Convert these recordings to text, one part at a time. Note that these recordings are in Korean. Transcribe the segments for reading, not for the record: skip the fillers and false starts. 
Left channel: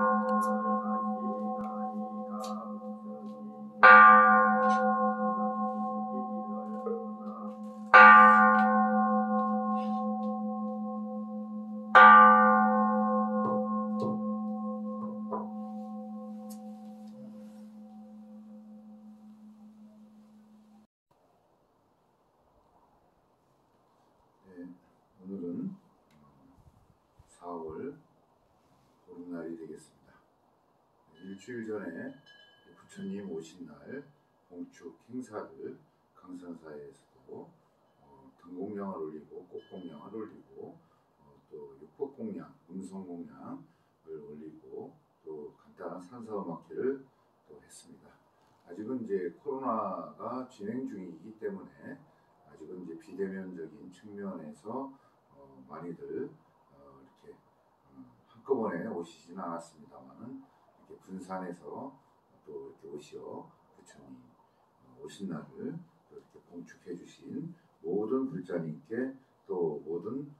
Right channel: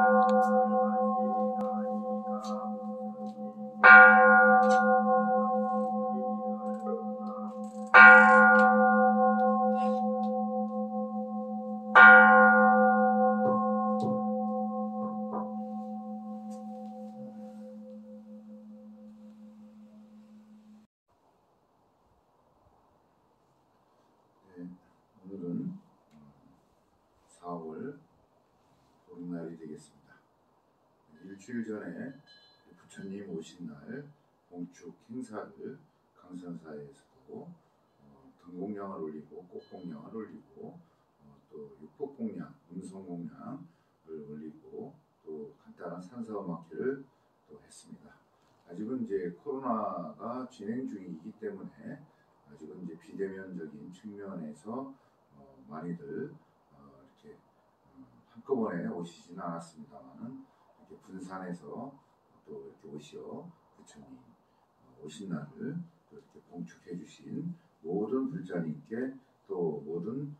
오늘은 4월 보름날이 되겠습니다. 일주일 전에 부처님 오신 날 봉축 행사를 강선사에서도 등공량을 올리고 꽃공량을 올리고 또 육법공량, 음성공량을 올리고 또 간단한 산사음악회를 또 했습니다. 아직은 이제 코로나가 진행 중이기 때문에 아직은 이제 비대면적인 측면에서 많이들 이렇게 한꺼번에 오시지는 않았습니다만은 이렇게 분산해서 또 이렇게 오시어 부처님 오신 날을 또 이렇게 봉축해 주신 모든 불자님께 또 모든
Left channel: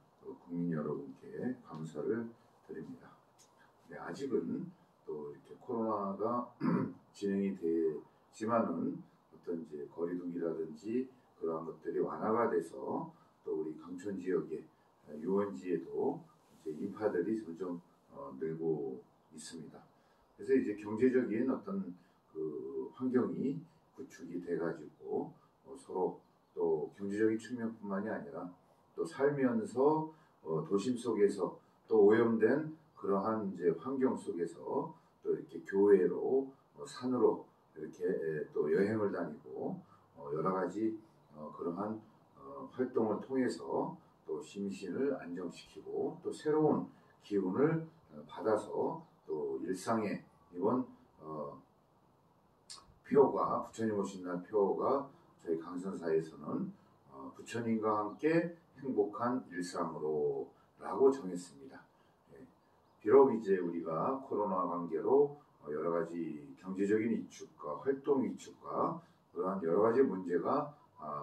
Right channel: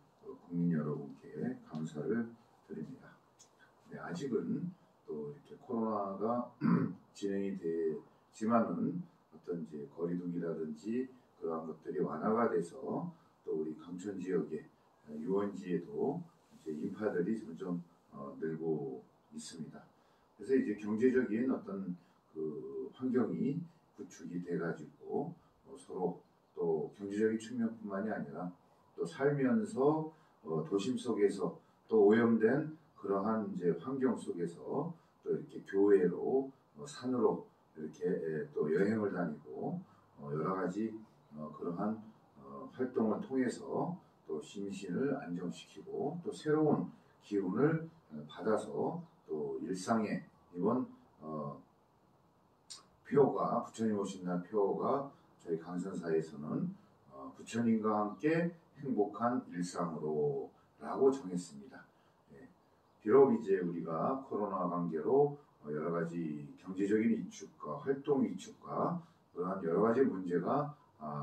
국민 여러분께 감사를 드립니다. 네, 아직은 또 이렇게 코로나가 진행이 되지만은 어떤 이제 거리두기라든지 그러한 것들이 완화가 돼서 또 우리 강촌 지역의 유원지에도 이제 인파들이 점점 늘고 있습니다. 그래서 이제 경제적인 어떤 그 환경이 구축이 돼가지고 서로 또 경제적인 측면뿐만이 아니라 또 살면서 도심 속에서 또 오염된 그러한 이제 환경 속에서 또 이렇게 교회로 산으로 이렇게 또 여행을 다니고 여러 가지 그러한 활동을 통해서 또 심신을 안정시키고 또 새로운 기운을 받아서 또 일상에 이번 표가 부처님 오신 날 표가 저희 강선사에서는 부처님과 함께 행복한 일상으로 라고 정했습니다. 예. 비록 이제 우리가 코로나 관계로 여러 가지 경제적인 위축과 활동 위축과 그러한 여러 가지 문제가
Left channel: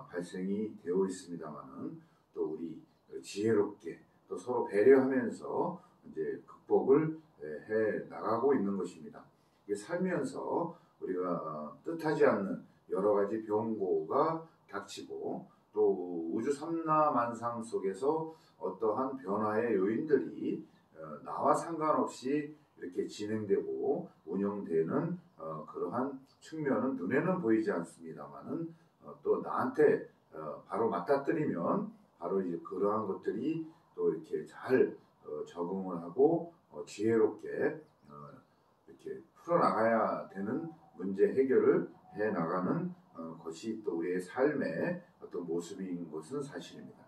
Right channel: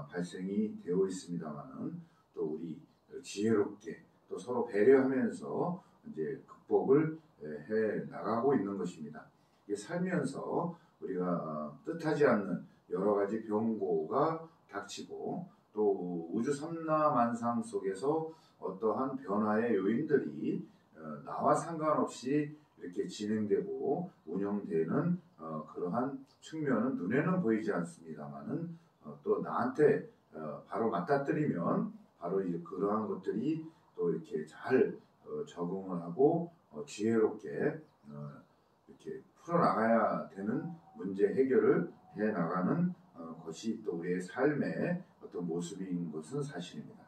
발생이 되어 있습니다만은 또 우리 지혜롭게 또 서로 배려하면서 이제 극복을 해 나가고 있는 것입니다. 이게 살면서 우리가 뜻하지 않는 여러 가지 병고가 닥치고 또 우주 삼라만상 속에서 어떠한 변화의 요인들이 나와 상관없이 이렇게 진행되고 운영되는 그러한 측면은 눈에는 보이지 않습니다만은 또 나한테 바로 맞닥뜨리면 바로 이제 그러한 것들이 또 이렇게 잘 적응을 하고 지혜롭게 이렇게 풀어나가야 되는 문제 해결을 해 나가는 것이 또 우리의 삶의 어떤 모습인 것은 사실입니다.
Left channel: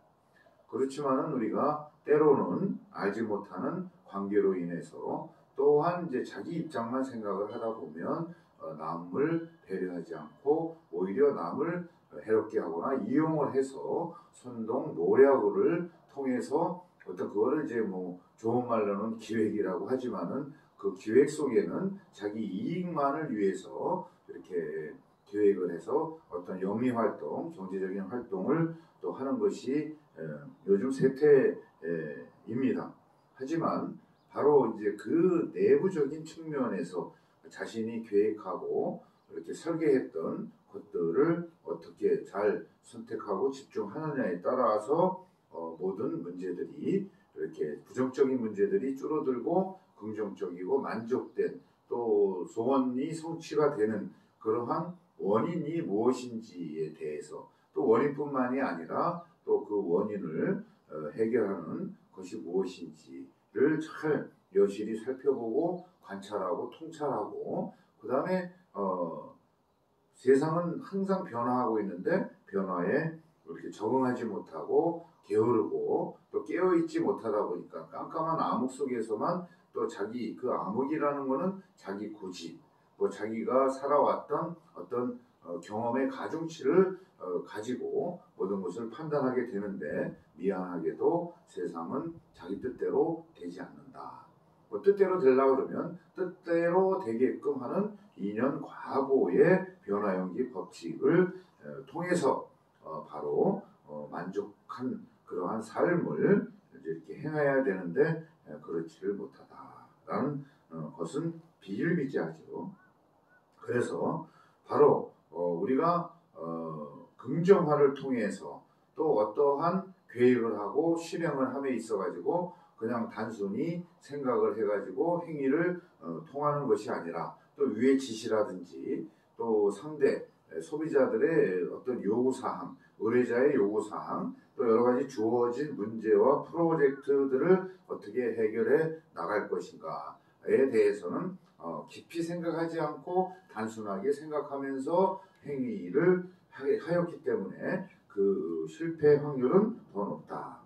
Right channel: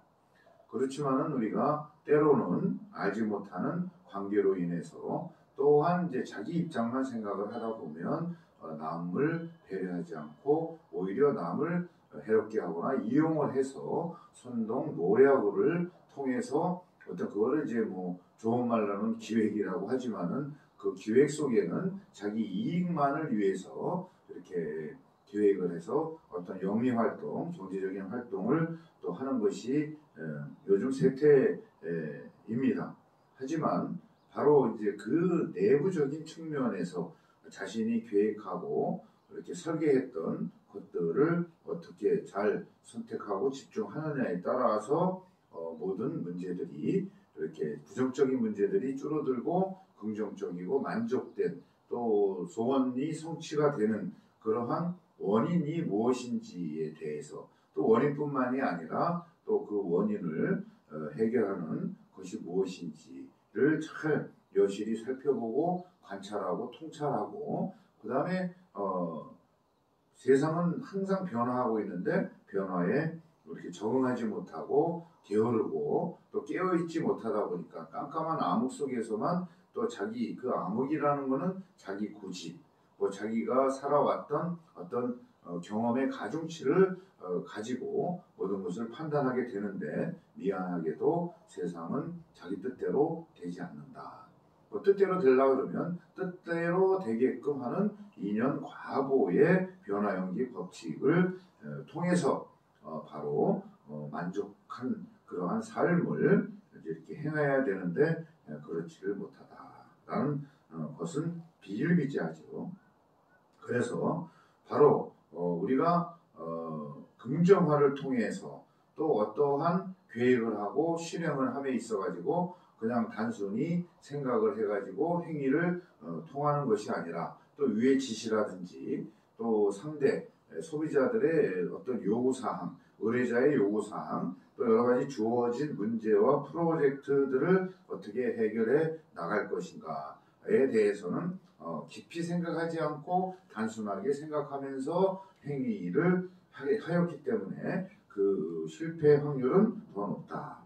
그렇지만은 우리가 때로는 알지 못하는 관계로 인해서 또한 이제 자기 입장만 생각을 하다 보면 남을 배려하지 않고 오히려 남을 해롭게 하거나 이용을 해서 선동 노략을 통해서 어떤 그거를 이제 뭐 좋은 말로는 기획이라고 하지만은 그 기획 속에는 자기 이익만을 위해서 이렇게 기획을 해서 어떤 영리 활동, 경제적인 활동을 또 하는 것이 요즘 세태입니다. 하지만 바로 이제 그 내부적인 측면에서 자신이 계획하고 이렇게 설계했던 것들을 어떻게 잘 선택하고 집중하느냐에 따라서 모든 문제들이 이렇게 부정적인 문제들이 줄어들고 긍정적이고 만족된 또 소원이 성취가 되는 그러한 원인이 무엇인지에 대해서 또 원인뿐만이 아니라 또 그 원인을 해결하는 것이 무엇인지를 잘 여실히 살펴보고 관찰하고 통찰하고 그 다음에 세상은 항상 변화하고 있는데 변화에 이렇게 적응하지 못하고 게으르고 또 깨어있지 못하다 보니까 깜깜한 암흑 속에서만 또 자기 그 암흑이라는 거는 자기 고집 뭐 자기가 살아왔던 어떤 경험의 가중치를 가지고 모든 것을 판단하게 되는데 미안하게도 세상은 자기 뜻대로 되지 않는다. 뭐 뜻대로 되려고 그러면 뜻대로 되게끔 하는 인연 과보의 변화연기 법칙을 통해서 바로 만족한 그러한 삶을 이렇게 행해야 되는데 그렇지를 못하다라는 것은 비일비재하죠. 그래서 바로 우리가 긍정화를 통해서 또 어떠한 계획을 하고 실행을 함에 있어가지고 그냥 단순히 생각을 해가지고 행위를 통하는 것이 아니라 또 위의 지시라든지 또 상대 소비자들의 어떤 요구사항, 의뢰자의 요구사항, 또 여러 가지 주어진 문제와 프로젝트들을 어떻게 해결해 나갈 것인가에 대해서는 깊이 생각하지 않고 단순하게 생각하면서 행위를 하였기 때문에 그 실패 확률은 더 높다.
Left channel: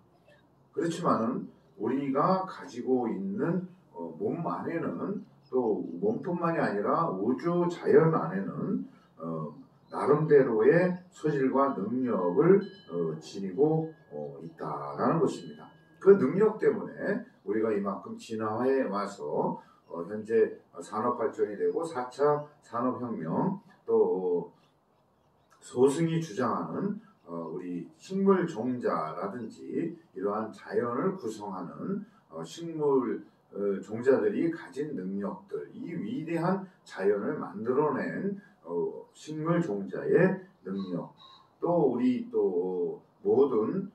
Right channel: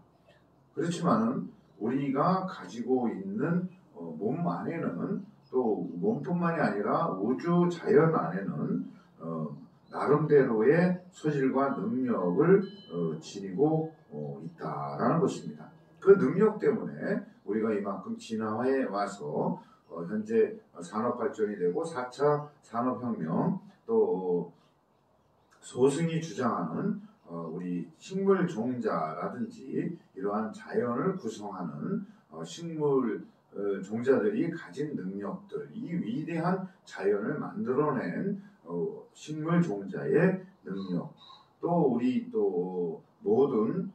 그렇지만은 우리가 가지고 있는 몸 안에는 또 몸뿐만이 아니라 우주 자연 안에는 나름대로의 소질과 능력을 지니고 있다라는 것입니다. 그 능력 때문에 우리가 이만큼 진화해 와서 현재 산업 발전이 되고 4차 산업혁명 또 소승이 주장하는 우리 식물 종자라든지 이러한 자연을 구성하는 식물 종자들이 가진 능력들, 이 위대한 자연을 만들어낸 식물 종자의 능력, 또 우리 또 모든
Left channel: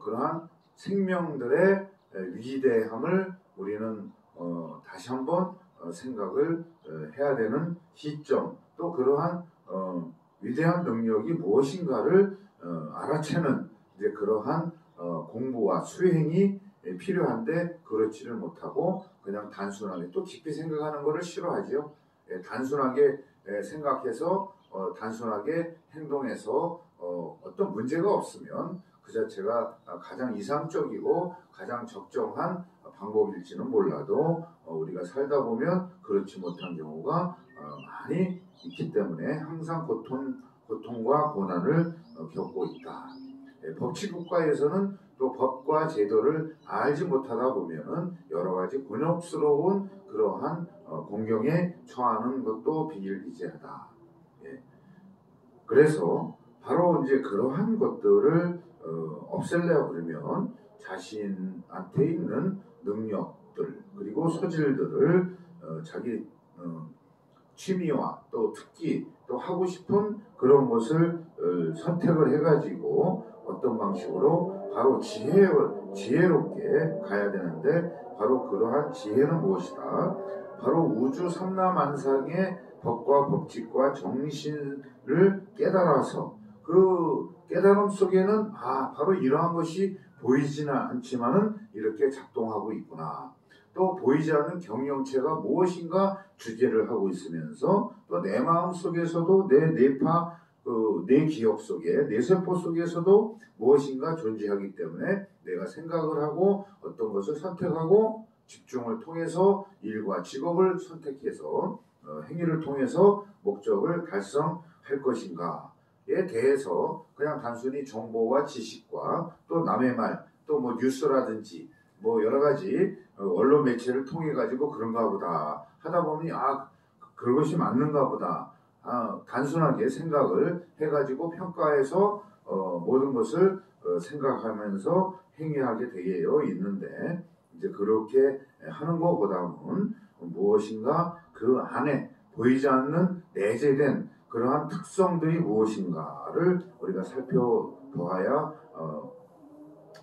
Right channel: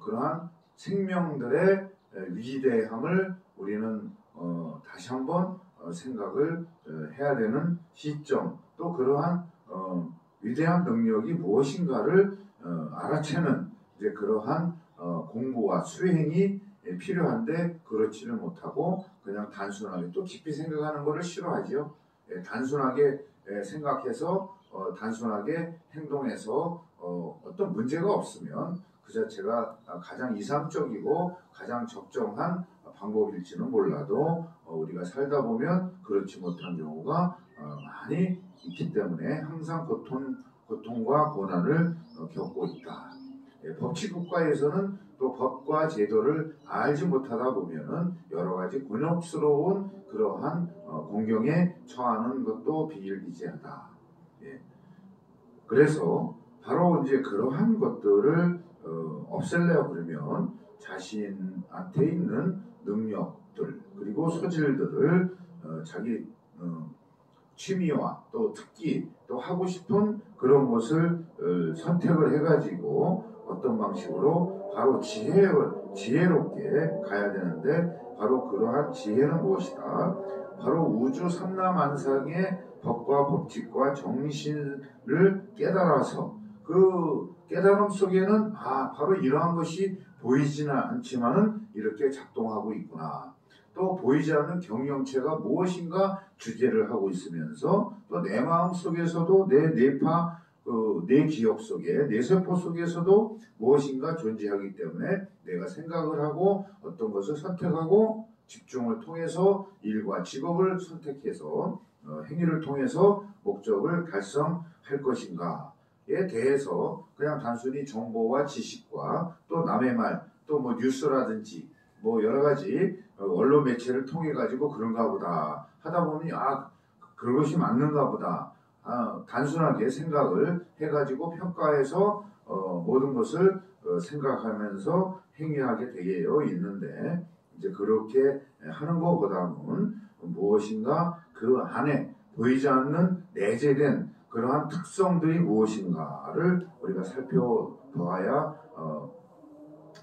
그러한 생명들의 위대함을 우리는 다시 한번 생각을 해야 되는 시점, 또 그러한 위대한 능력이 무엇인가를 알아채는 이제 그러한 공부와 수행이 필요한데 그렇지를 못하고 그냥 단순하게 또 깊이 생각하는 것을 싫어하지요. 단순하게 생각해서 단순하게 행동해서 어떤 문제가 없으면 그 자체가 가장 이상적이고 가장 적정한 방법일지는 몰라도 우리가 살다 보면 그렇지 못한 경우가 많이 있기 때문에 항상 고통과 고난을 겪고 있다. 법치국가에서는 또 법과 제도를 알지 못하다 보면은 여러 가지 곤욕스러운 그러한 공경에 처하는 것도 비일비재하다. 그래서 바로 이제 그러한 것들을 없앨래요 그러면 자신한테 있는 능력들 그리고 소질들을 자기 취미와 또 특기 또 하고 싶은 그런 것을 선택을 해가지고 어떤 방식으로 바로 지혜롭게 가야 되는데 바로 그러한 지혜는 무엇이다? 바로 우주 삼라만상의 법과 법칙과 정신을 깨달아서 그 깨달음 속에는 바로 이러한 것이 보이지는 않지만은 이렇게 작동하고 있구나. 또 보이지 않는 경영체가 무엇인가 주제를 하고 있으면서 또 내 마음 속에서도 내 뇌파, 내 기억 속에 내 세포 속에서도 무엇인가 존재하기 때문에 내가 생각을 하고 어떤 것을 선택하고 집중을 통해서 일과 직업을 선택해서 행위를 통해서 목적을 달성할 것인가에 대해서 그냥 단순히 정보와 지식과 또 남의 말, 또 뭐 뉴스라든지 뭐 여러 가지 언론 매체를 통해 가지고 그런가 보다 하다 보니 그것이 맞는가 보다 단순하게 생각을 해가지고 평가해서 모든 것을 생각하면서 행위하게 되어 있는데 이제 그렇게 하는 것보다는 무엇인가 그 안에 보이지 않는 내재된 그러한 특성들이 무엇인가를 우리가 살펴보아야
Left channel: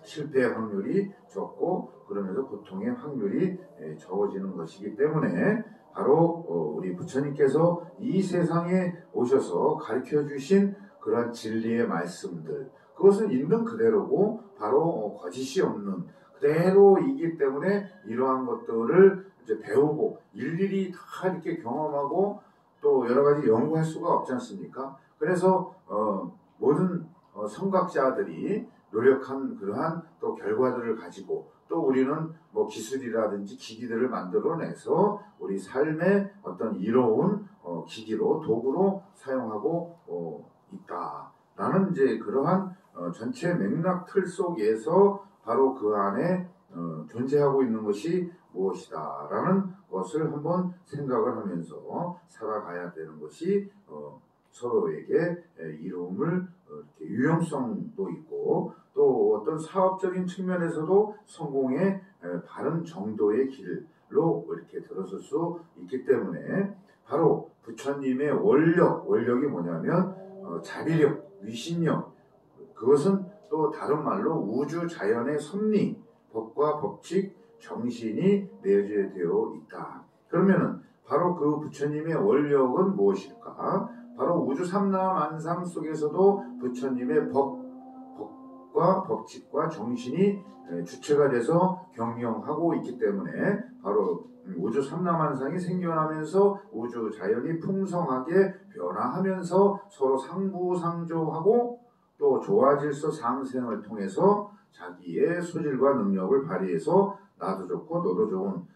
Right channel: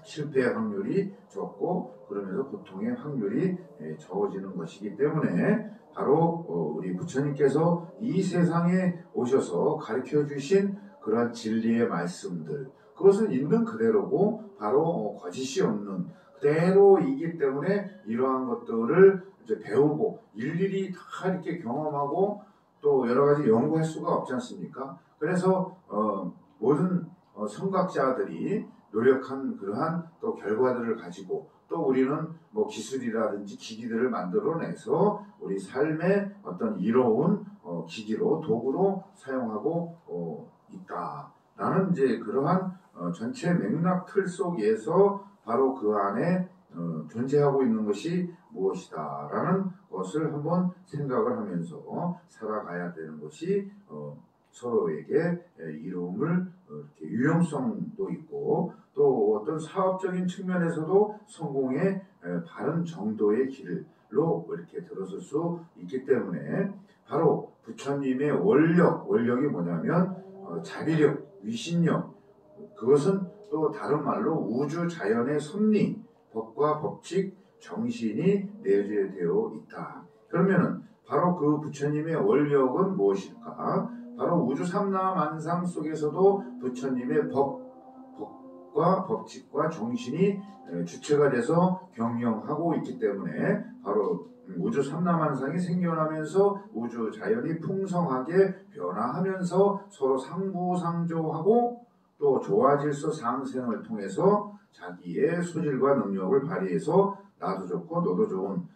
실패 확률이 적고 그러면서 고통의 확률이 적어지는 것이기 때문에 바로 우리 부처님께서 이 세상에 오셔서 가르쳐 주신 그러한 진리의 말씀들 그것은 있는 그대로고 바로 거짓이 없는 그대로이기 때문에 이러한 것들을 이제 배우고 일일이 다 이렇게 경험하고 또 여러 가지 연구할 수가 없지 않습니까? 그래서 모든 선각자들이 노력한 그러한 또 결과들을 가지고 또 우리는 뭐 기술이라든지 기기들을 만들어내서 우리 삶의 어떤 이로운 기기로 도구로 사용하고 있다라는 이제 그러한 전체 맥락 틀 속에서 바로 그 안에 존재하고 있는 것이 무엇이다라는 것을 한번 생각을 하면서 살아가야 되는 것이 서로에게 이로움을 이렇게 유용성도 있고 또 어떤 사업적인 측면에서도 성공의 바른 정도의 길을 말로 이렇게 들었을 수 있기 때문에 바로 부처님의 원력이 뭐냐면 자비력, 위신력, 그것은 또 다른 말로 우주 자연의 섭리, 법과 법칙, 정신이 내재되어 있다. 그러면은 바로 그 부처님의 원력은 무엇일까? 바로 우주 삼라만상 속에서도 부처님의 법과 법칙과 정신이 주체가 돼서 경영하고 있기 때문에 바로 우주 삼라만상이 생겨나면서 우주 자연이 풍성하게 변화하면서 서로 상부상조하고 또 조화질서 상생을 통해서 자기의 소질과 능력을 발휘해서 나도 좋고 너도 좋은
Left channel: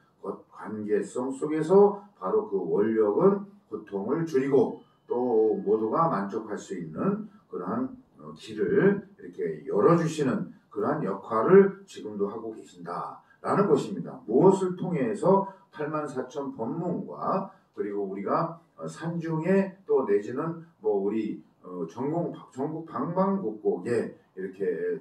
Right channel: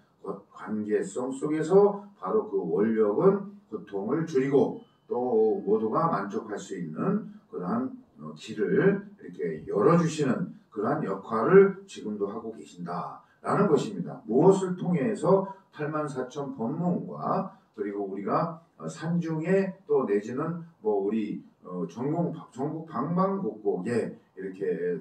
관계성 속에서 바로 그 원력은 고통을 줄이고 또 모두가 만족할 수 있는 그러한 길을 이렇게 열어주시는 그러한 역할을 지금도 하고 계신다라는 것입니다. 무엇을 통해서 84,000 법문과 그리고 우리가 산중에 또 내지는 뭐 우리 전국 방방곡곡에 이렇게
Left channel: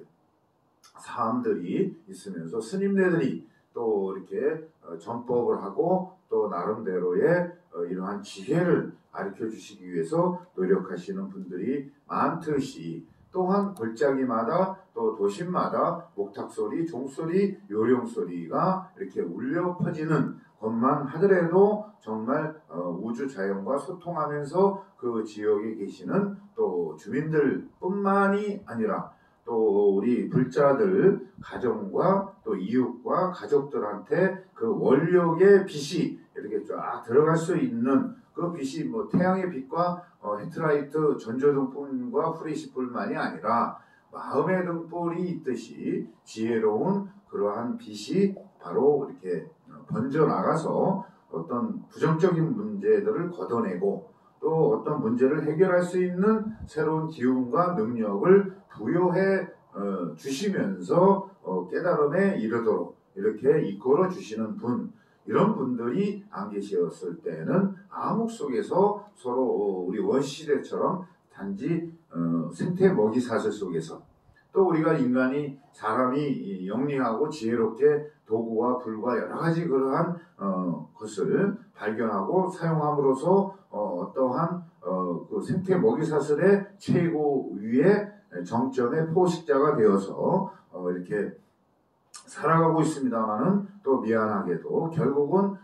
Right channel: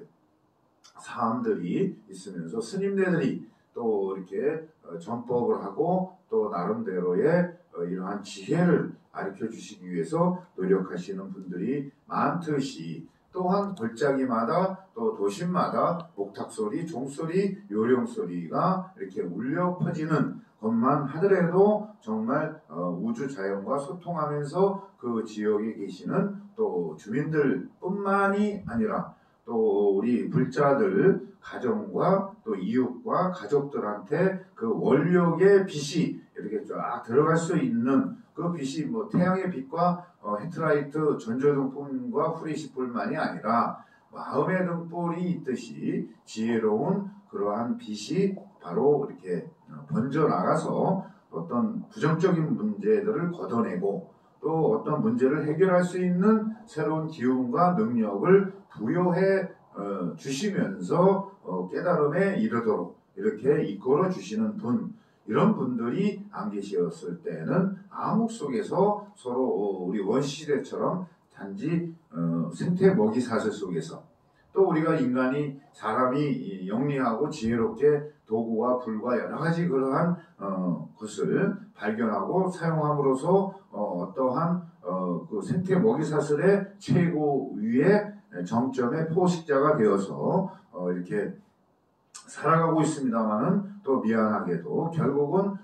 사람들이 있으면서 스님네들이 또 이렇게 전법을 하고 또 나름대로의 이러한 지혜를 가르쳐 주시기 위해서 노력하시는 분들이 많듯이 또한 골짜기마다 또 도심마다 목탁소리, 종소리, 요령소리가 이렇게 울려 퍼지는 것만 하더라도 정말 우주 자연과 소통하면서 그 지역에 계시는 또 주민들 뿐만이 아니라 또 우리 불자들 가정과 또 이웃과 가족들한테 그 원력의 빛이 이렇게 쫙 들어갈 수 있는 그 빛이 뭐 태양의 빛과 헤드라이트 전조등불과 후레시불만이 아니라 마음의 등불이 있듯이 지혜로운 그러한 빛이 바로 이렇게 번져 나가서 어떤 부정적인 문제들을 걷어내고 또 어떤 문제를 해결할 수 있는 새로운 기운과 능력을 부여해 주시면서 깨달음에 이르도록 이렇게 이끌어 주시는 분, 이런 분들이 안 계셨을 때는 암흑 속에서 서로 우리 원시대처럼 단지 생태 먹이 사슬 속에서 또 우리가 인간이 사람이 영리하고 지혜롭게 도구와 불과 여러 가지 그러한 것을 발견하고 사용함으로써 어떠한 그 생태 먹이 사슬의 최고 위의 정점의 포식자가 되어서 이렇게 살아가고 있습니다만은 또 미안하게도 결국은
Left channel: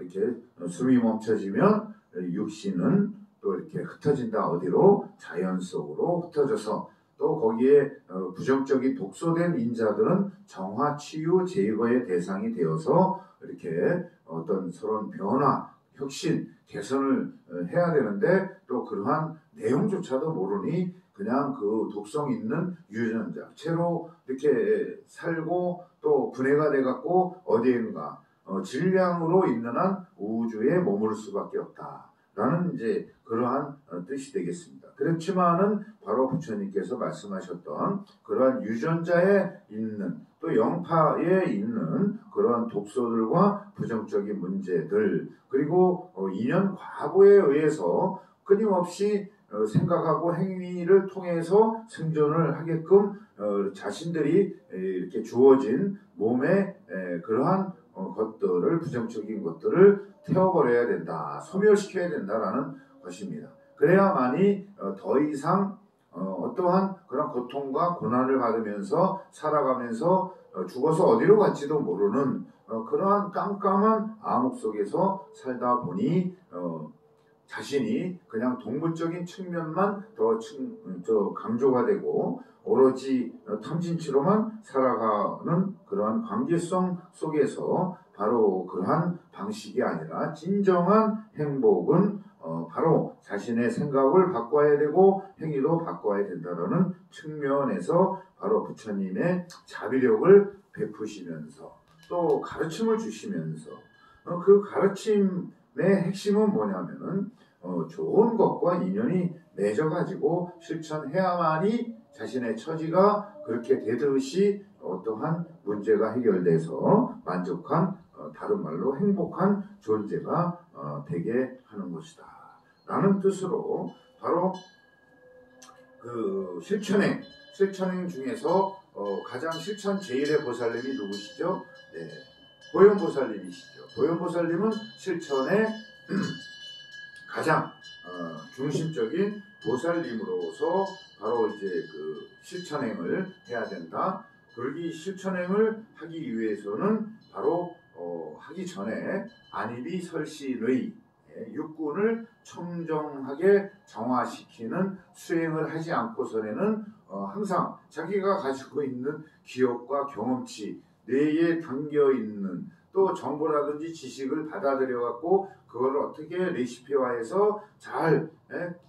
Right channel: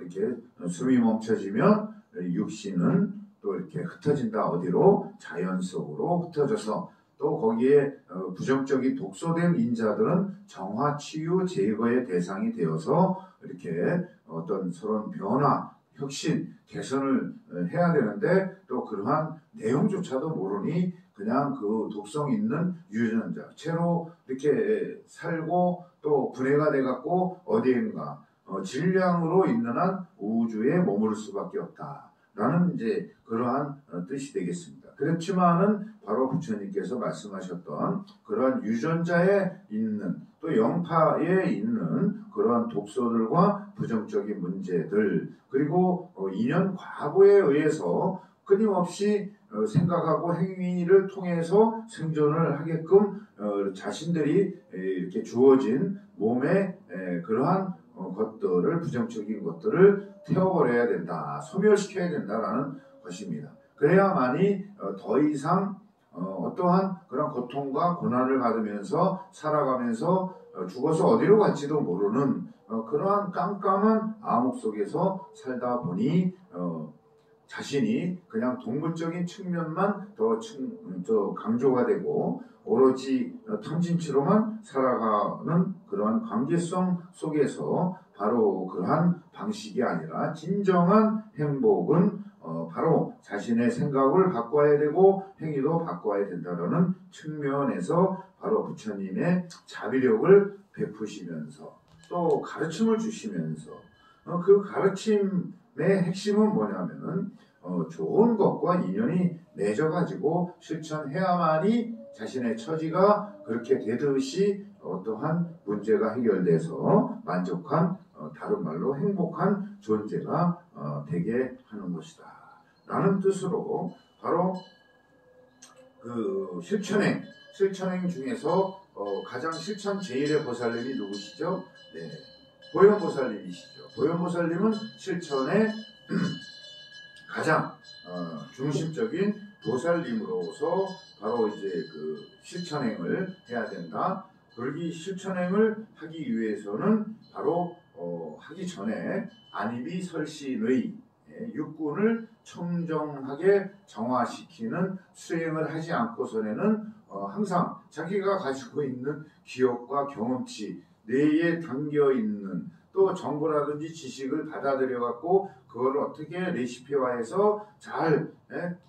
이렇게 숨이 멈춰지면 육신은 또 이렇게 흩어진다. 어디로? 자연 속으로 흩어져서 또 거기에 부정적인 독소된 인자들은 정화, 치유, 제거의 대상이 되어서 이렇게 어떤 서론 변화, 혁신, 개선을 해야 되는데 또 그러한 내용조차도 모르니 그냥 그 독성 있는 유전자 채로 이렇게 살고 또 분해가 돼갖고 어디인가 질량으로 있는 한 우주에 머무를 수밖에 없다라는 이제 그러한 뜻이 되겠습니다. 그렇지만은 바로 부처님께서 말씀하셨던 그러한 유전자에 있는 또 영파에 있는 그러한 독소들과 부정적인 문제들 그리고 인연 과보에 의해서 끊임없이 생각하고 행위를 통해서 생존을 하게끔 자신들이 이렇게 주어진 몸에 그러한 것들을 부정적인 것들을 태워버려야 된다, 소멸시켜야 된다라는 것입니다. 그래야만이 더 이상 어떠한 그런 고통과 고난을 받으면서 살아가면서 죽어서 어디로 갈지도 모르는 그러한 깜깜한 암흑 속에서 살다 보니 자신이 그냥 동물적인 측면만 더 강조가 되고 오로지 탐진치로만 살아가는 그러한 관계성 속에서 바로 그러한 방식이 아니라 진정한 행복은 바로 자신의 생각을 바꿔야 되고 행위도 바꿔야 된다는 측면에서 바로 부처님의 자비력을 베푸시면서 또 가르침을 주시면서 그 가르침의 핵심은 뭐냐면은 좋은 것과 인연이 맺어가지고 실천해야만이 자신의 처지가 그렇게 되듯이 어떠한 문제가 해결돼서 만족한 다른 말로 행복한 존재가 되게 하는 것이다 라는 뜻으로 바로 그 실천행 중에서 가장 실천 제1의 보살님이 누구시죠? 네, 고영보살님이시죠. 보현보살님은 실천의 가장 중심적인 보살님으로서 바로 이제 그 실천행을 해야 된다. 그러기 실천행을 하기 위해서는 바로 하기 전에 안입이 설신의 육군을 청정하게 정화시키는 수행을 하지 않고서는 항상 자기가 가지고 있는 기억과 경험치, 뇌에 담겨있는 또 정보라든지 지식을 받아들여 갖고 그걸 어떻게 레시피화해서 잘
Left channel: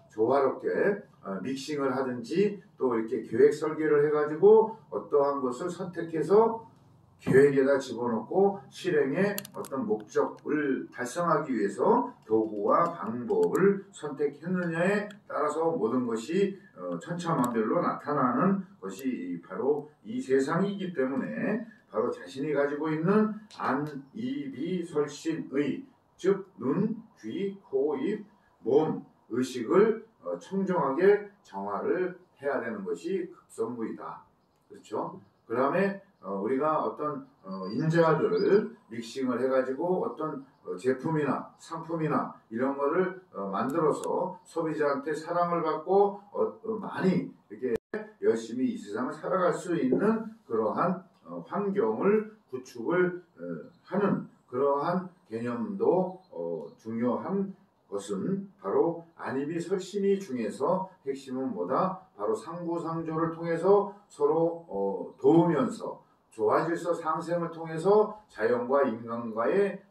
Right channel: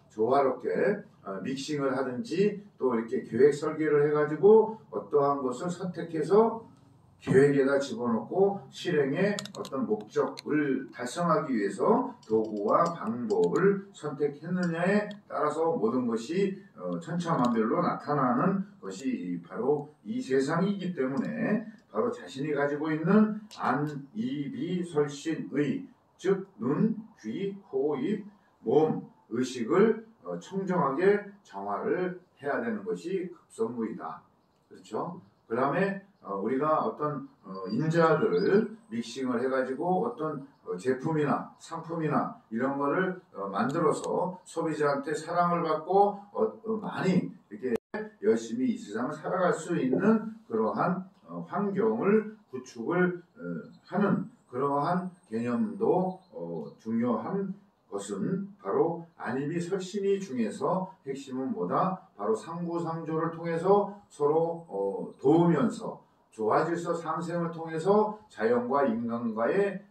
조화롭게 믹싱을 하든지 또 이렇게 계획 설계를 해가지고 어떠한 것을 선택해서 계획에다 집어넣고 실행의 어떤 목적을 달성하기 위해서 도구와 방법을 선택했느냐에 따라서 모든 것이 천차만별로 나타나는 것이 바로 이 세상이기 때문에 바로 자신이 가지고 있는 안, 이, 비, 설신의 즉 눈, 귀, 코, 입, 몸, 의식을 청정하게 정화를 해야 되는 것이 급선무이다. 그렇죠? 그 다음에 우리가 어떤 인자들을 믹싱을 해가지고 어떤 제품이나 상품이나 이런 거를 만들어서 소비자한테 사랑을 받고 많이 이렇게 열심히 이 세상을 살아갈 수 있는 그러한 환경을 구축을 하는 그러한 개념도 중요한 것은 바로 안입이 설신이 중에서 핵심은 뭐다? 바로 상부상조를 통해서 서로 도우면서 조화질서 상생을 통해서 자연과 인간과의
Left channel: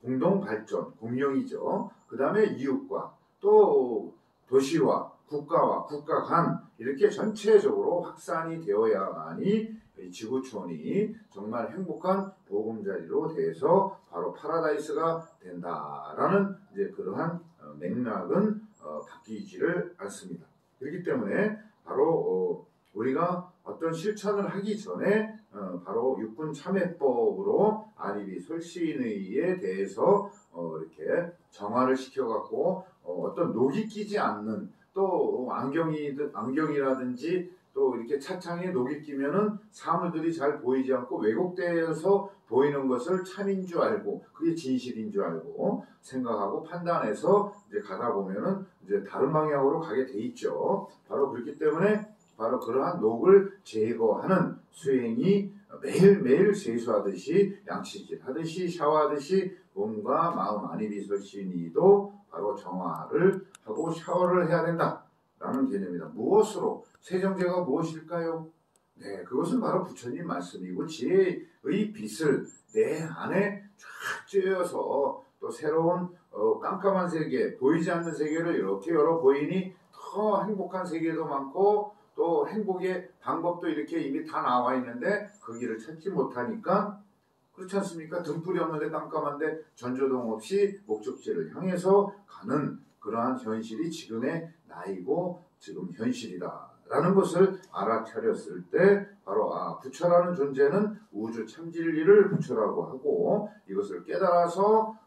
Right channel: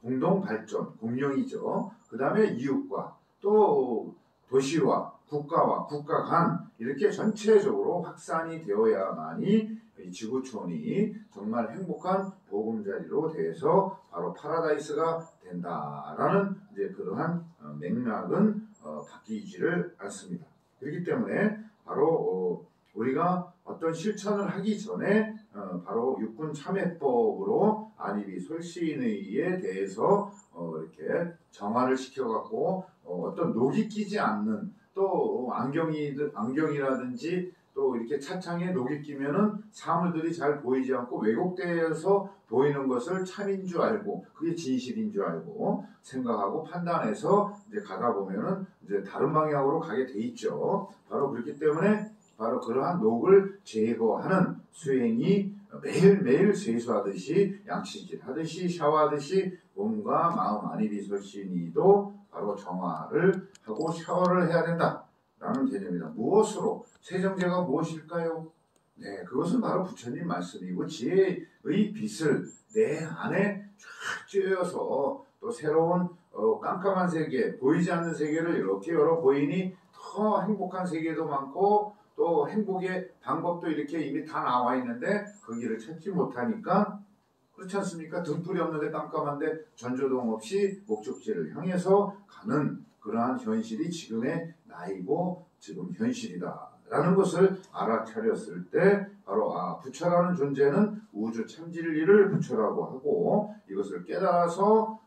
공동 발전, 공명이죠. 그 다음에 이웃과 또 도시와 국가와 국가 간 이렇게 전체적으로 확산이 되어야만이 지구촌이 정말 행복한 보금자리로 돼서 바로 파라다이스가 된다라는 이제 그러한 맥락은 바뀌지를 않습니다. 그렇기 때문에 바로 우리가 어떤 실천을 하기 전에 바로 육군 참회법으로 안입이 설신의에 대해서 이렇게 정화를 시켜갖고 어떤 녹이 끼지 않는 또 안경이라든지 또 이렇게 차창에 녹이 끼면은 사물들이 잘 보이지 않고 왜곡되어서 보이는 것을 참인 줄 알고 그게 진실인 줄 알고 생각하고 판단해서 이제 가다 보면은 이제 다른 방향으로 가게 돼 있죠. 바로 그렇기 때문에 바로 그러한 녹을 제거하는 수행이 매일매일 세수하듯이 양치질 하듯이 샤워하듯이 몸과 마음 안입이 설신이도 바로 정화를 하고 샤워를 해야 된다라는 개념이다. 무엇으로? 세정제가 무엇일까요? 네, 그것은 바로 부처님 말씀이고 지혜의 빛을 내 안에 쫙 쬐어서 또 새로운 깜깜한 세계, 보이지 않는 세계를 이렇게 열어 보이니 더 행복한 세계도 많고 또 행복의 방법도 이렇게 이미 다 나와 있는데 그 길을 찾지 못하니까 그렇지 않습니까? 등불이 없는데 깜깜한데 전조등 없이 목적지를 향해서 가는 그러한 현실이 지금의 나이고 지금 현실이다 라는 것을 알아차렸을 때 바로 부처라는 존재는 우주 참진리를 부처라고 하고 이것을 깨달아서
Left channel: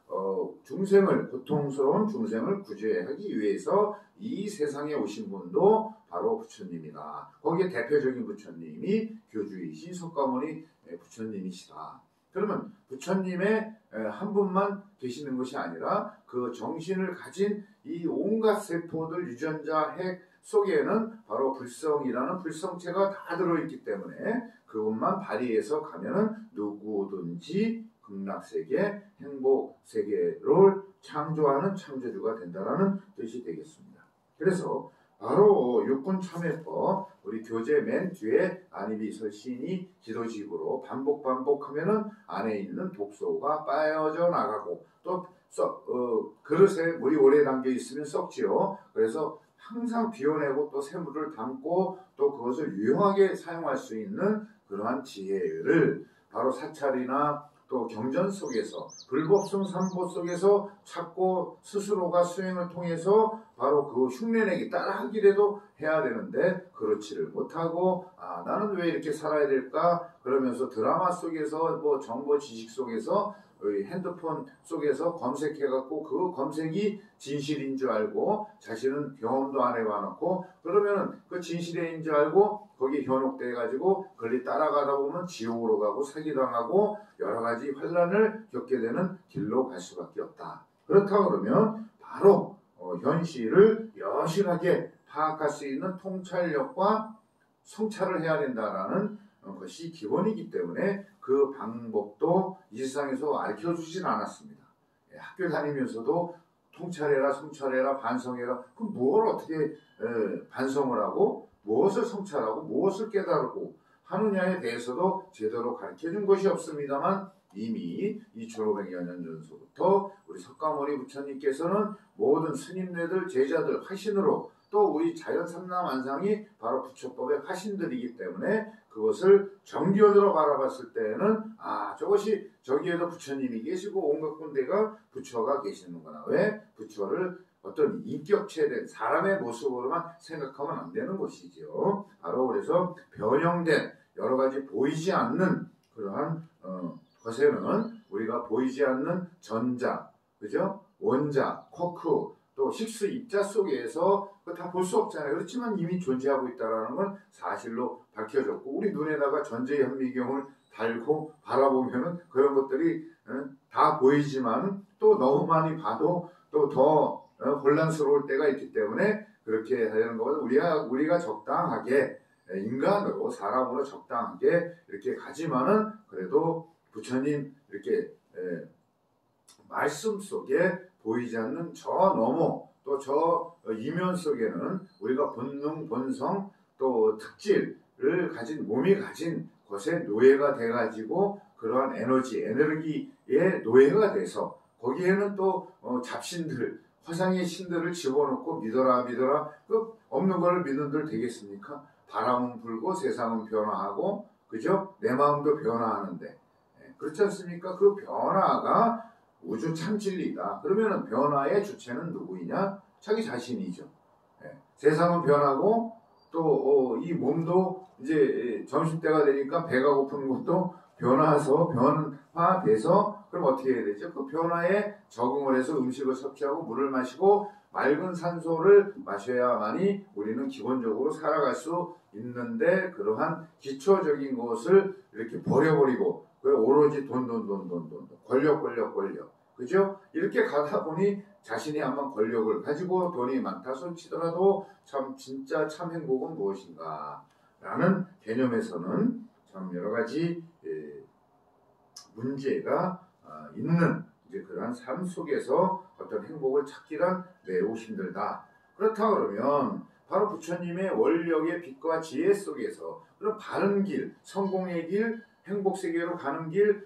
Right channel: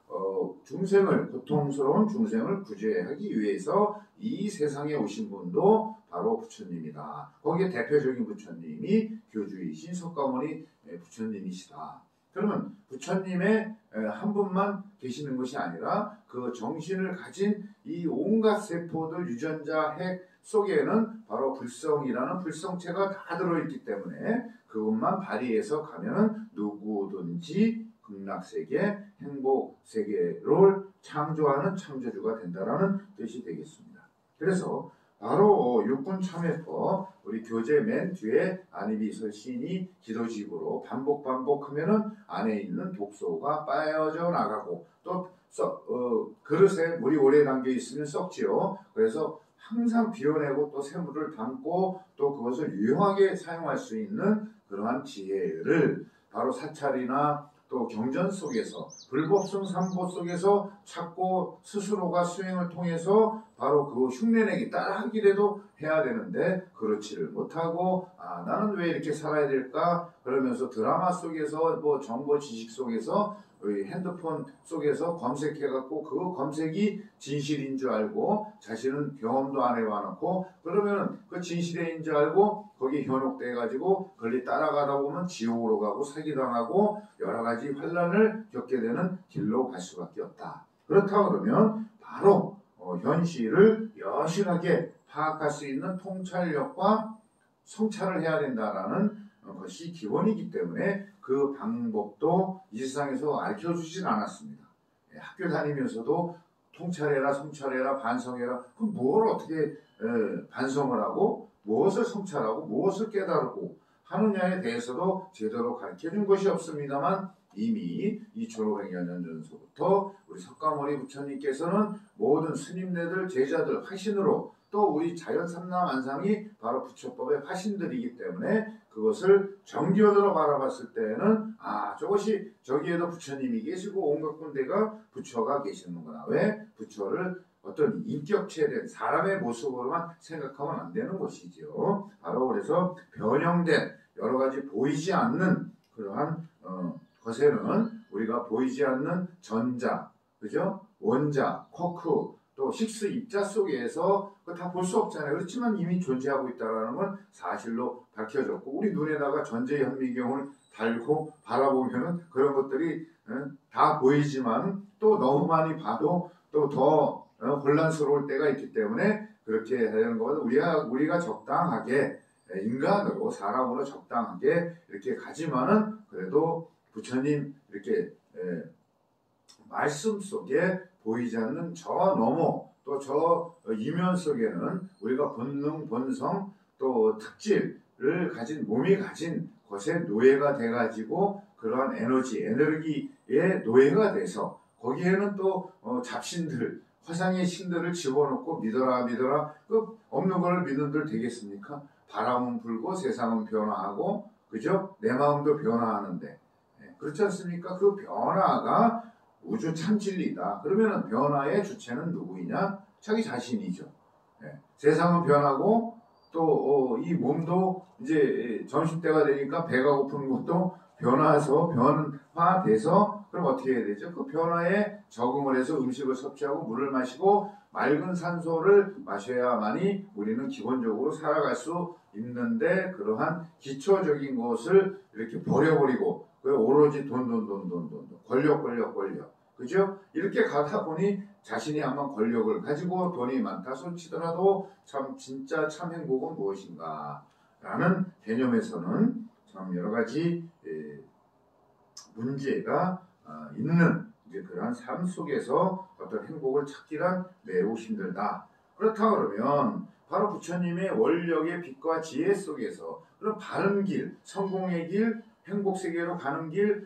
중생을 고통스러운 중생을 구제하기 위해서 이 세상에 오신 분도 바로 부처님이다. 거기에 대표적인 부처님이 교주이신 석가모니 부처님이시다. 그러면 부처님의 한 분만 계시는 것이 아니라 그 정신을 가진 이 온갖 세포들 유전자 핵 속에는 바로 불성이라는 불성체가 다 들어있기 때문에 그것만 발휘해서 가면은 누구든지 극락세계, 행복세계를 창조하는 창조주가 된다라는 뜻이 되겠습니다. 그래서 바로 육군참회법 우리 교재 맨 뒤에 안입이 설신이 기도집으로 반복하면은 안에 있는 독소가 빠져 나가고 또 그릇에 물이 오래 담겨 있으면 썩지요. 그래서 항상 비워내고 또 새물을 담고 또 그것을 유용하게 사용할 수 있는 그러한 지혜를 바로 사찰이나 또 경전 속에서 불법성 삼보 속에서 찾고 스스로가 수행을 통해서 바로 그 흉내내기 따라하기라도 해야 되는데 그렇지를 못하고 나는 왜 이렇게 살아야 될까 그러면서 드라마 속에서 뭐 정보 지식 속에서 핸드폰 속에서 검색해갖고 그 검색이 진실인 줄 알고 자신은 경험도 안 해봐놓고 그러면은 그 진실인 줄 알고 거기 현혹돼가지고 그걸 따라가다 보면 지옥으로 가고 사기당하고 여러 가지 환란을 겪게 되는 길로 갈 수밖에 없다. 그렇다 그러면 바로 현실을 여실하게 파악할 수 있는 통찰력과 성찰을 해야 된다라는 것이 기본이기 때문에 그 방법도 이 세상에서 알려주진 않았습니다. 학교 다니면서도 통찰해라, 성찰해라, 반성해라. 그럼 뭘 어떻게 반성을 하고 무엇을 성찰하고 무엇을 깨달고 하느냐에 대해서도 제대로 가르쳐준 것이 없습니다만 이미 2500여 년 전서부터 우리 석가모니 부처님께서는 모든 스님네들, 제자들, 화신으로 또 우리 자연삼라만상이 바로 부처법의 화신들이기 때문에 그것을 정견으로 바라봤을 때는 저것이 저기에도 부처님이 계시고 온갖 군데가 부처가 계시는구나. 왜? 부처를 어떤 인격체된 사람의 모습으로만 생각하면 안 되는 것이죠. 바로 그래서 변형된 여러 가지 보이지 않는 그러한 것에는 우리가 보이지 않는 전자, 그죠? 원자, 쿼크, 또 힉스 입자 속에서 다 볼 수 없잖아요. 그렇지만 이미 존재하고 있다는 건 사실로 밝혀졌고 우리 눈에다가 전제현미경을 달고 바라보면은 그런 것들이 다 보이지만 또 너무 많이 봐도 또 더 혼란스러울 때가 있기 때문에 그렇게 되는 것은 우리가 적당하게 인간으로 사람으로 적당하게 이렇게 가지만은 그래도 부처님 이렇게 말씀 속에 보이지 않는 저 너머 또 저 이면 속에는 우리가 본능, 본성 또 특질을 가진 몸이 가진 것에 노예가 돼가지고 그러한 에너지의 노예가 돼서 거기에는 또 잡신들, 화상의 신들을 집어넣고 믿어라 그 없는 걸 믿은들 되겠습니까? 바람은 불고 세상은 변화하고 그죠? 내 마음도 변화하는데 그렇지 않습니까? 그 변화가 우주 참진리다. 그러면 변화의 주체는 누구이냐? 자기 자신이죠. 세상은 변하고 또 이 몸도 이제 점심때가 되니까 배가 고픈 것도 변화돼서 그럼 어떻게 해야 되죠? 그 변화에 적응을 해서 음식을 섭취하고 물을 마시고 맑은 산소를 마셔야만이 우리는 기본적으로 살아갈 수 있는데 그러한 기초적인 것을 이렇게 버려버리고 오로지 돈 권력 그죠? 이렇게 가다 보니 자신이 한번 권력을 가지고 돈이 많다 손치더라도 진짜 참 행복은 무엇인가 라는 개념에서는 참 여러 가지 문제가 있는 이제 그러한 삶 속에서 어떤 행복을 찾기란 매우 힘들다. 그렇다 그러면 바로 부처님의 원력의 빛과 지혜 속에서 그런 바른 길, 성공의 길, 행복 세계로 가는 길,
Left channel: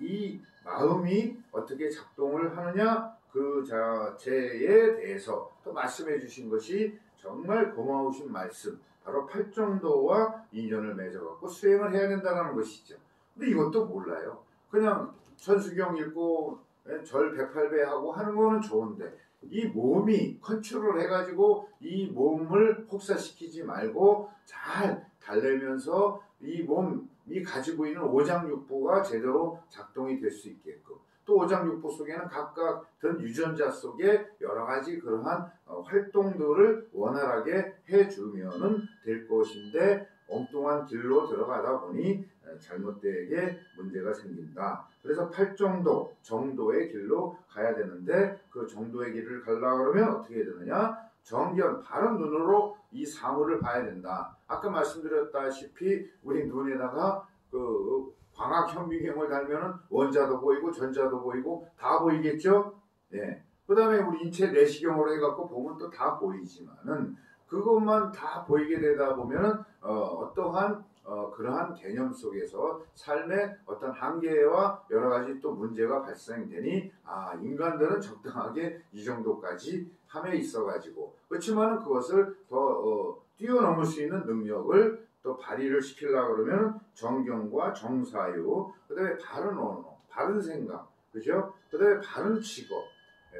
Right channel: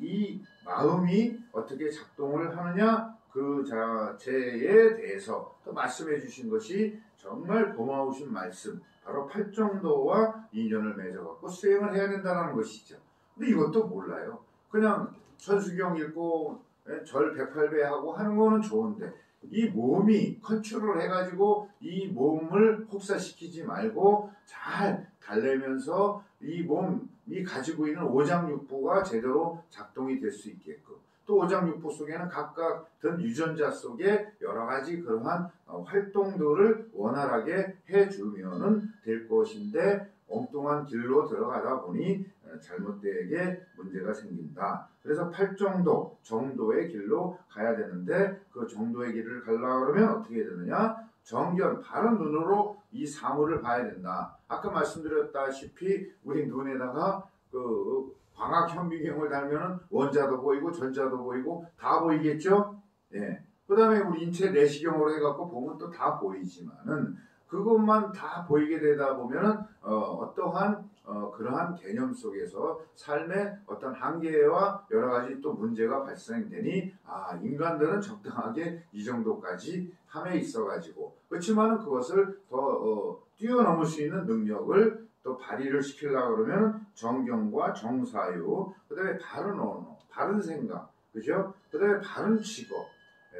이 마음이 어떻게 작동을 하느냐 그 자체에 대해서 또 말씀해 주신 것이 정말 고마우신 말씀, 바로 팔정도와 인연을 맺어갖고 수행을 해야 된다는 것이죠. 근데 이것도 몰라요. 그냥 천수경 읽고 절 108배 하고 하는 거는 좋은데 이 몸이 컨트롤 해가지고 이 몸을 혹사시키지 말고 잘 달래면서 이 몸이 가지고 있는 오장육부가 제대로 작동이 될 수 있게끔 또 오장육부 속에는 각각 든 유전자 속에 여러 가지 그러한 활동들을 원활하게 해주면은 될 것인데 엉뚱한 길로 들어가다 보니 잘못되게 문제가 생긴다. 그래서 팔정도, 정도의 길로 가야 되는데 그 정도의 길을 가려고 그러면 어떻게 되느냐? 정견, 바른 눈으로 이 사물을 봐야 된다. 아까 말씀드렸다시피 우리 눈에다가 그 광학 현미경을 달면은 원자도 보이고 전자도 보이고 다 보이겠죠? 예. 그 다음에 우리 인체 내시경으로 해갖고 보면 또 다 보이지만은 그것만 다 보이게 되다 보면은 어떠한 그러한 개념 속에서 삶의 어떤 한계와 여러 가지 또 문제가 발생되니 인간들은 적당하게 이 정도까지 함에 있어가지고 그렇지만은 그것을 더 뛰어넘을 수 있는 능력을 또 발휘를 시키려고 그러면 정경과 정사유, 그 다음에 바른 언어, 바른 생각, 그죠? 그 다음에 바른 직업,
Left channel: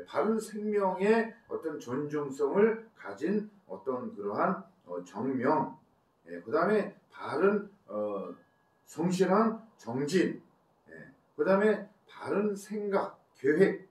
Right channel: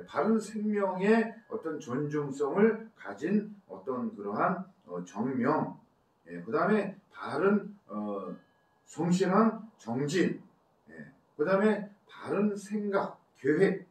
바른 생명의 어떤 존중성을 가진 어떤 그러한 정명, 그 다음에 바른 성실한 정진, 그 다음에 바른 생각, 계획,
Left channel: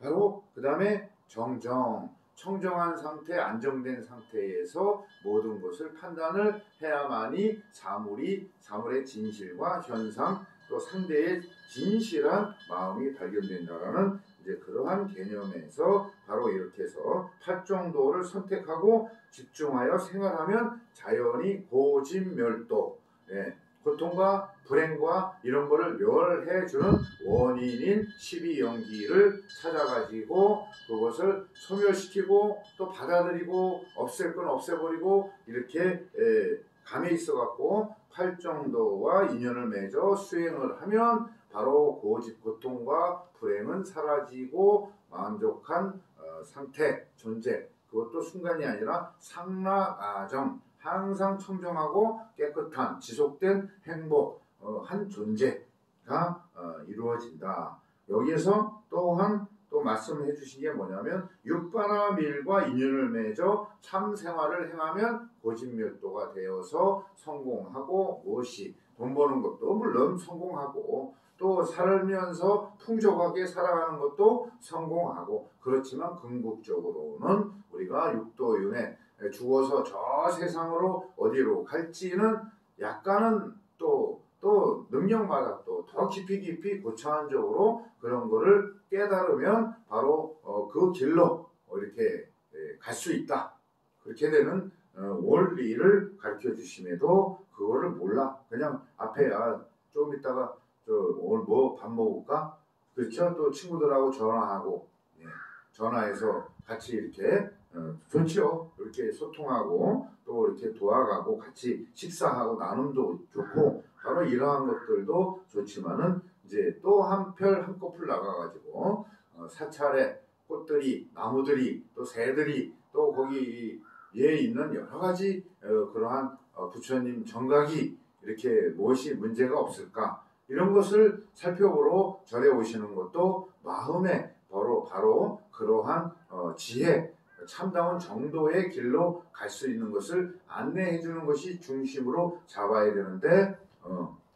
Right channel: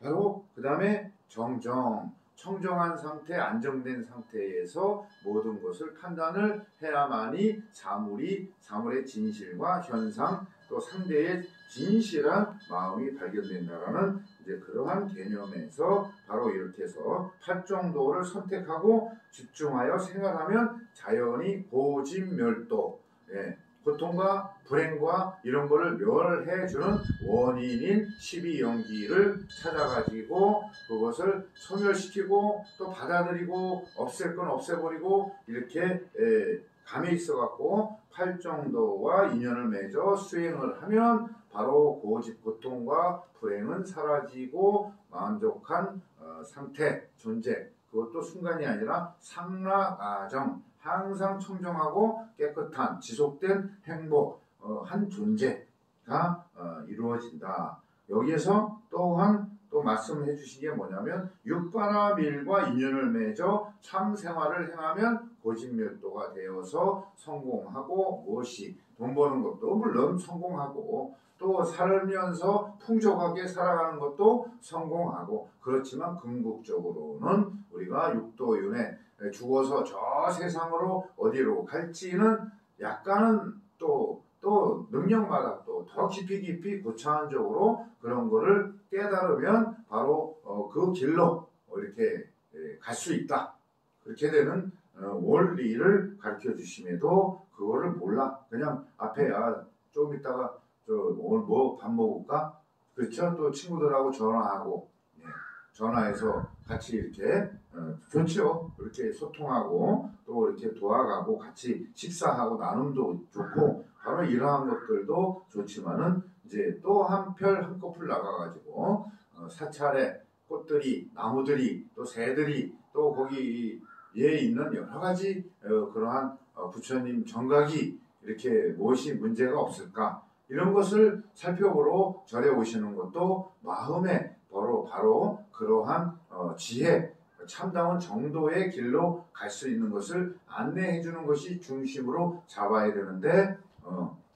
바로 그 다음에 정정, 청정한 상태, 안정된 상태에서 모든 것을 판단을 해야만이 사물의 진실과 현상, 또 상대의 진실한 마음이 발견된다라는 이제 그러한 개념에서 바로 이렇게 해서 팔정도를 선택하고 집중하여 생활하면 자연히 고집멸도, 예, 고통과 불행과 이런 거를 멸해주는 원인인 12연기를 찾아가지고 그것을 소멸시키고 또 받아들이고 없앨 건 없애버리고 이렇게 감에 있어갖고 팔정도와 인연을 맺어 수행을 하면 바로 고집, 고통과 불행은 사라지고 만족한 상태, 존재, 그것도 순간이 아니라 상락아정, 항상 청정하고 깨끗한 지속된 행복, 한 존재가 이루어진다. 여기에서 또한 또 말씀해 주신 게 뭐냐면 육바라밀과 인연을 맺어 참 생활을 행하면 고집멸도가 되어서 성공하고 무엇이 돈 버는 것도 물론 성공하고 또 살면서 풍족하게 살아가는 것도 성공하고 그렇지만 궁극적으로는 우리가 육도윤회 죽어서 저 세상으로 어디로 갈지는 약간은 또 능력마다 또 더 깊이 고차원적으로 그런 거를 깨달으면 바로 그 길로 이렇게 갈 수 있다. 그렇게 되는 원리를 가르쳐 주심에도 그거를 몰라. 그냥 앞에 좀 이따가 오늘 뭐 밥 먹을까? 그렇죠? 또 친구들하고 전화하고 전화해서 같이 이렇게 좋죠. 이렇게 소통하고 또 이렇게 도와가고 같이 식사하고 나눔도 좋고 바로 이러한 것들도 좋지만은 이제 또 한꺼풀 나가가지고 사찰에 꽃들이 나무들이 또 새들이 또 거기에 있는 여러 가지 그러한 부처님 정각이 이렇게 무엇이 문제가 없을까 이런 것을 살펴보러 절에 오시는 것도 마음에 바로 그러한 지혜, 참다운 정도의 길로 갈 수 있는 것을 안내해 주는 것이 중심으로 잡아야 되는데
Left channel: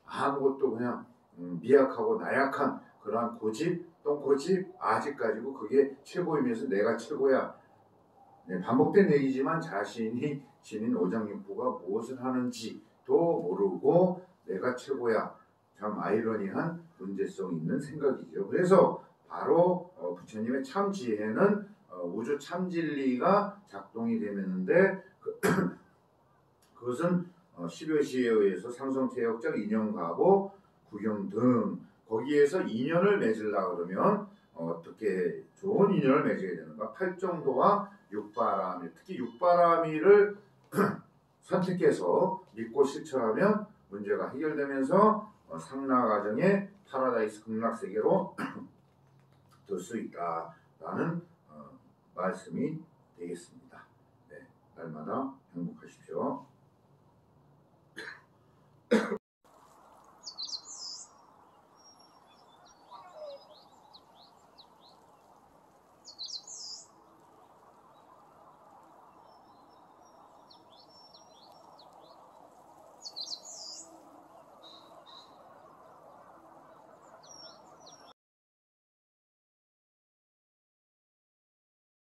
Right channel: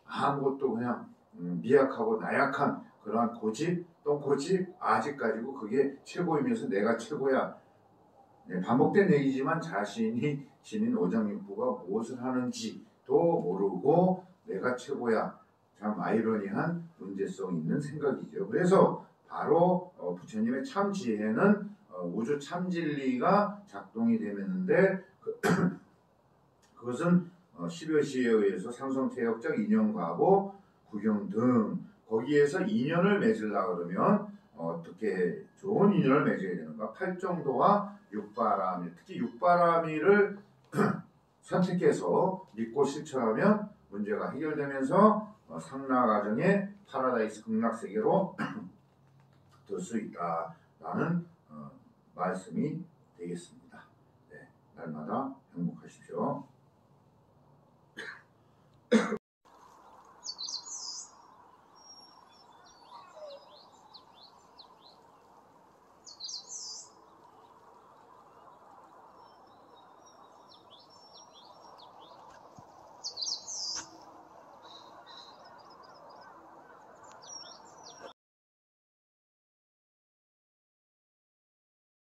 아무것도 그냥 미약하고 나약한 그러한 고집, 또 고집 아직까지고 그게 최고이면서 내가 최고야. 반복된 얘기지만 자신이 지닌 오장육부가 무엇을 하는지도 모르고 내가 최고야. 참 아이러니한 문제성 있는 생각이죠. 그래서 바로 부처님의 참 지혜는 우주 참 진리가 작동이 되는데 그것은 10여시에 의해서 상성태역적 인연과보 구경 등 거기에서 인연을 맺으려고 그러면 어떻게 좋은 인연을 맺어야 되는가? 팔정도와 육바라밀, 특히 육바라밀을 선택해서 믿고 실천하면 문제가 해결되면서 상락아정의 파라다이스 극락세계로 들 수 있다라는 말씀이 되겠습니다. 네, 날마다 행복하십시오.